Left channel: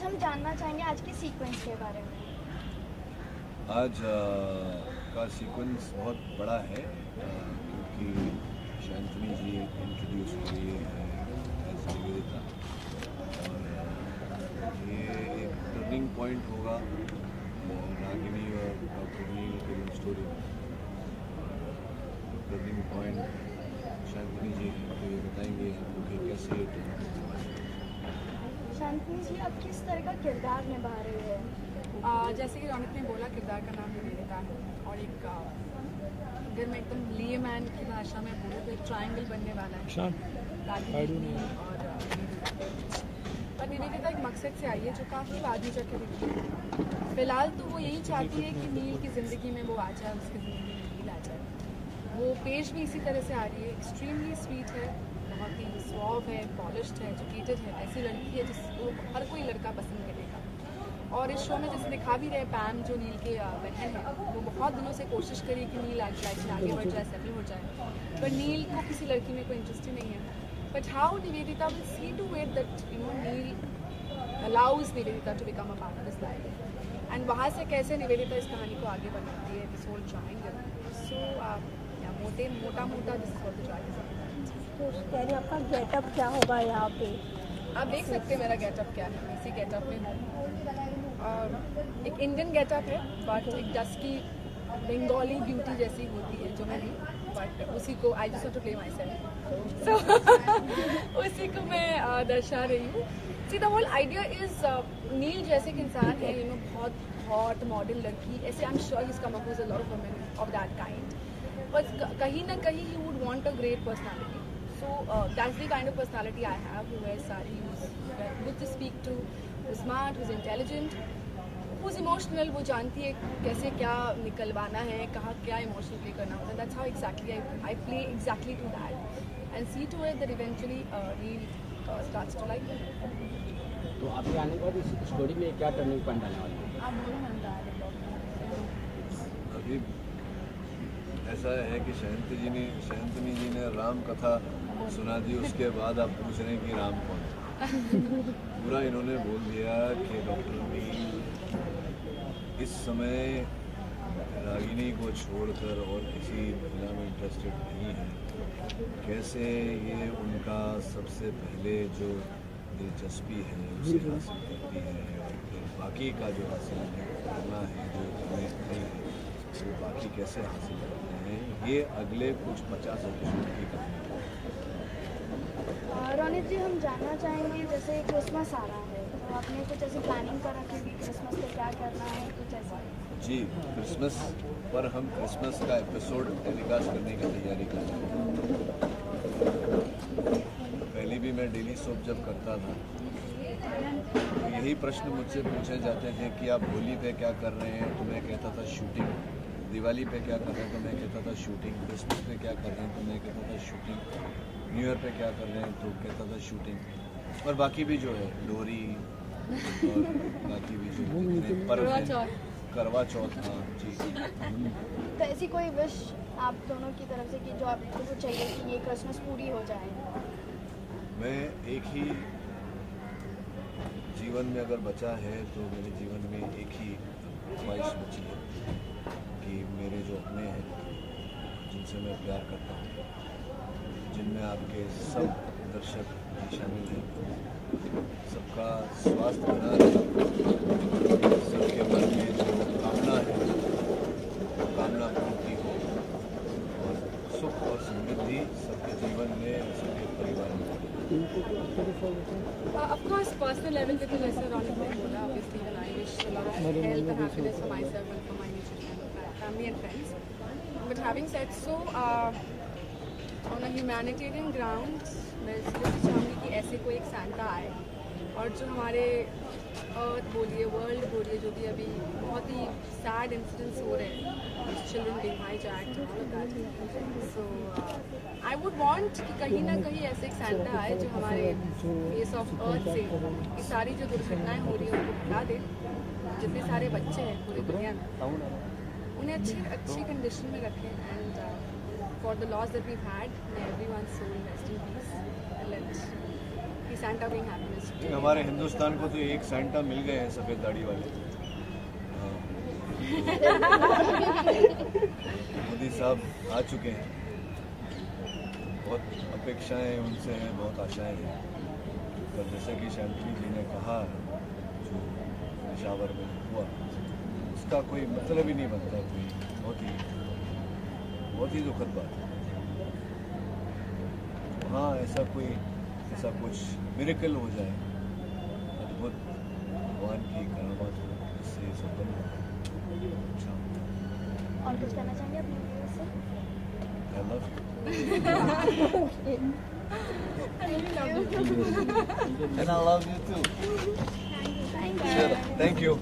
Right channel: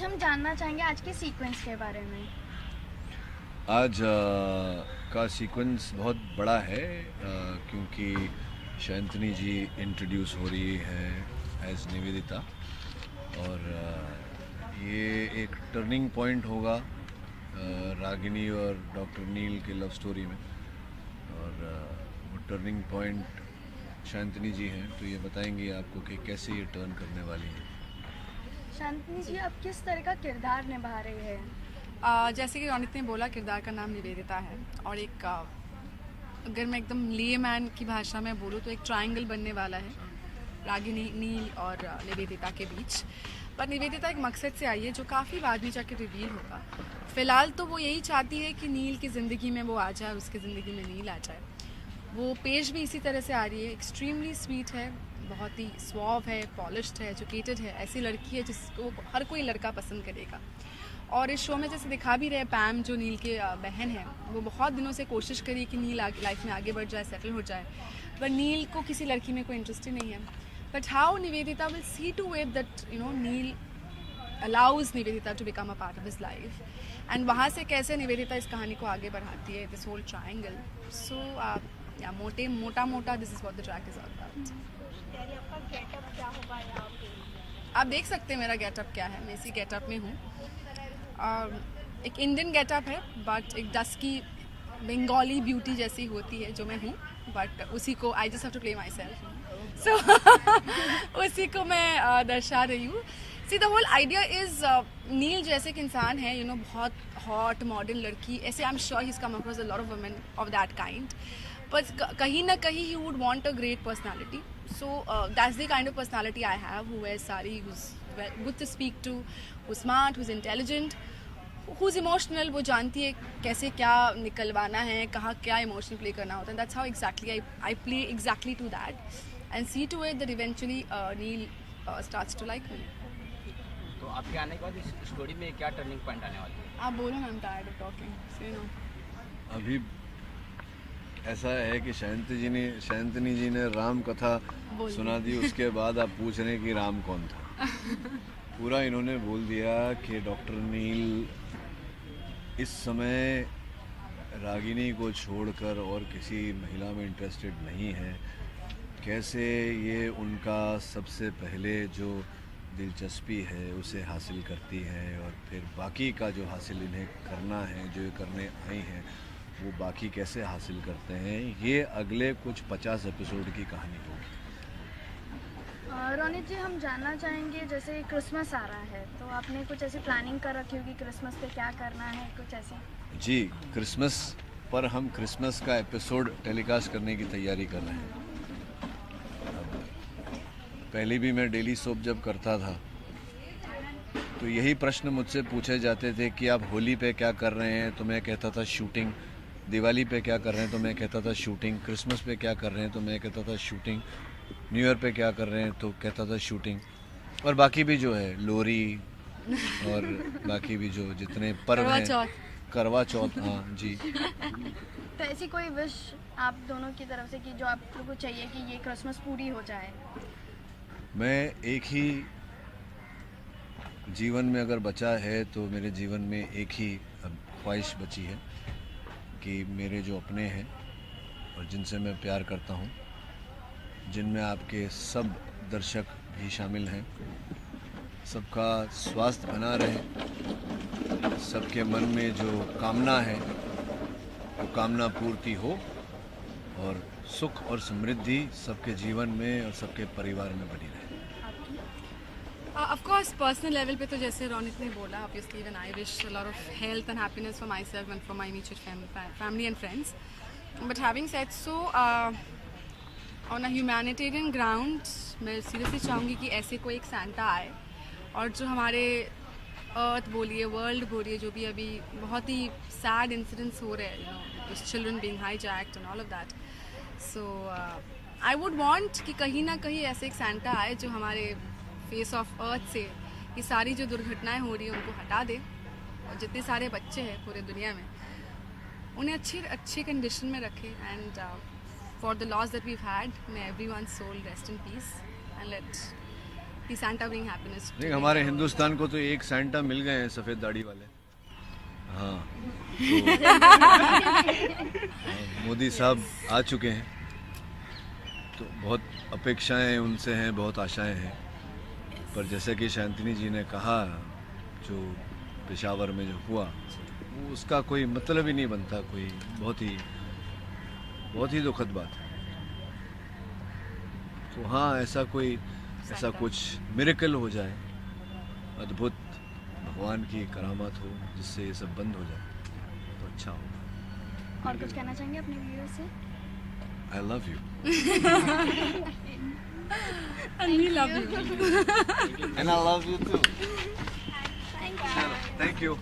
आज हम जानना चाहेंगे आज के सीक्वेंस के बारे में। आज का सीक्वेंस बहुत बड़ा है क्योंकि शैंतनी जी इंट्रोड्यूस हो रही है एज निवेदिता और ये एक टर्निंग पॉइंट होगा रागिनी और डॉक्टर नील की लव स्टोरी में। और वो टर्निंग पॉइंट शैंतनी जी हैं, तो ये बताएंगे आपको कि कैसे ये टर्न करने वाली है। शांतनी जी, आप किस तरह का किरदार निभा रहे हैं? जैसे कि रोनित ने बोला, किरदार का नाम निवेदिता है और एक अगर मैं एकदम लेमैन की भाषा में बोलूँ तो एक ट्रायंगल बनने वाला है रागिनी, नील और निवेदिता के बीच। पर निवेदिता एक मकसद से आई है जो काफ़ी बाद में जाकर रिवील होगा। फ़िलहाल तो वो यही चाहती है कि नील की ज़िंदगी में वो आ जाए, उसकी ज़िंदगी में नील आ जाए। वो पेश भी इसी तरह से आ रही है, एक्सट्रीमली स्वीट है, बहुत ही स्वॉव है, पॉलिश्ड है, एजुकेटेड है, ऐसी लड़की है जिसको हर कोई लड़का पसंद करेगा। और इस शो में जैसे दिखा भी रहे, पैम जो नील की बहन है, वो बहुत दिनों से कोशिश करी कि नील लाइफ में आगे बढ़ जाए, सेटल हो जाए, पर नील को किसी लड़की में कोई इंटरेस्ट ही नहीं है। But how Nivedita will see to it that Neel allows Nivedita to become a part of his life, and वहाँ से कैसे निवेदिता इस कहानी को आगे बढ़ाती है, दिस होल ट्रायंगल। सो मोटा मोटा this is what the track is all about. तो पहले आपका गेटअप क्या होगा यहाँ पे? आप देख सकते हैं मेरा गेटअप क्या है, मैं इसी गेटअप में हूँ। एक इंडियन गेटअप है, बट एक डस्की बंगाली ब्यूटी जैसी होती है जो मैं हूँ, बट उसी को I just have to play myself, so उसी को मैं दर्शा रही हूँ। See the whole idea is Neel जैसे कि इंसान है, बहुत हॉट मॉडर्न लड़की, ऐसे I am sure he is come across a lot of women of that kind, but कहीं ना कहीं he would want a great personality. So that's the kind of personality I have, who wears sari, who's good to speak to, who's smart, who's intelligent, who's emotional. वो जानती है कैसे क्या निकलवाना है, कहाँ क्या इमोशन प्ले करना होता है. That's how exactly I play exactly to that and see to it that eventually Neil starts to like me. तो आपके आने के बाद इस स्टोरी में क्या टर्निंग पॉइंट आने वाला है? आप बोलो ना, talking. अभी ऐसा है कि शैंतनी जी ने राम कथा सुना दी, उसके बाद आप पूछ रहे हैं कि राम कौन था। पूरा इन्होंने बोल दिया कि डॉक्टर नील इस समय रागिनी को छोड़कर और किसी महिला में इंटरेस्टेड नहीं है। कैसे ये उनका सबसे पहले जो दिलचस्पी है उसे हासिल करती है और फिर बाकी का जो हासिल इन्हें करना है, जो करने नहीं है, वो बाकी कैसे हासिल करते हैं, ये अगले कुछ 50 एपिसोड की कहानी होगी। रोनित जी, हम जानना चाहेंगे, जैसे क्रिसमस आ रहा है तो आपने कुछ ऐसे प्लानिंग कर रखी होगी, क्रिसमस पे क्या करना है, कुछ ऐसे? जी, क्रिसमस पर हम क्रिसमस का एपिसोड टेलीकास्ट करने की तैयारी कर रहे हैं। पहले भी मैं डेली सोप जब करता था तो यही प्रश्न मुझसे पूछे जाते थे कि आप होली पे क्या कर रहे हैं, तो मैं कहता था शूटिंग। दिवाली पे क्या कर रहे हैं, तो मैं कहता था शूटिंग। क्रिसमस पे क्या कर रहे हैं, तो मैं कहता था शूटिंग। न्यू ईयर पे क्या कर रहे हैं, तो कहता था शूटिंग। और बाकी भी जो है, लोरी और बाकी भी जो जितने पर्व हैं, करवा चौथ, हाँ जी। तो ऐसी कोई विश आप दोनों की तरफ से कि जो आप लोगों को चाहिए कि ये क्रिसमस पूरी हो जाए? मैं एक ही जीवन में अगर बचा है तो मेरे जीवन में एक ही ख्वाहिश बची है कि मेरे जो अपने हैं और जिनसे मैं प्यार करता हूँ, जिनमें आपके सब दर्शक भी शामिल हैं, सबका स्वास्थ्य बना रहे, सबके मन में जो कामना है वो कामना पूर्ति हो और सुख और समृद्धि सबके जीवन में और सबके परिवार में बनी रहे। Of course, personal level पे तो जैसे रोनित ने बोला, obviously when I wish a lot of health and happiness for myself and for my immediate family and friends. But having said so, on a humanitarian ground, मैं seriously चाहूँगी कि ऐसे कोई एक सैंटा आए और जो हमारे अर्थ बोलिए, वर्ल्ड बोलिए, जो भी अभी बहुत ही सैड इंसिडेंट्स हो रहे हैं, children being hijacked and all of that, so I would want कि कहीं ना कहीं ऐसे एक सैंटा आए जो हमारे फेस ऑफ अर्थ से ये सारी जो दुर्घटनाएं हो रही है उनको हटा दे। जितने सारे बच्चे हैं पूरी दुनिया में, उन्हें अच्छी कंडीशन में रखें, and for the loss that we've had, may everyone's soul rest in peace and let कि Santa bring happiness. नहीं, हमारे हिंदुस्तान को तो एक सेंटा मिल गए हैं सफ़ेद दाढ़ी वाले। हाँ, मोदी साहब आ चुके हैं, तो बहुत अपेक्षाएं उनसे हैं, बहुत आशाएं हैं, पर जैसे कि शांतिनी जी ने कहा, जो पेशावर में जो हुआ, तो उसका कोई मतलब ही नहीं बनता, कोई बहुत ही दुखद बात है। तो हाँ, ऐसा कुछ मिरेकल हो जाए, अद्भुत भगवान की करामात हो, जिससे ये सब बंद हो जाए, अच्छा होता। और कुछ कहना चाहेंगे अपने व्यूअर्स से? I love you And we love you. and I love you too. Thank you. Thank you.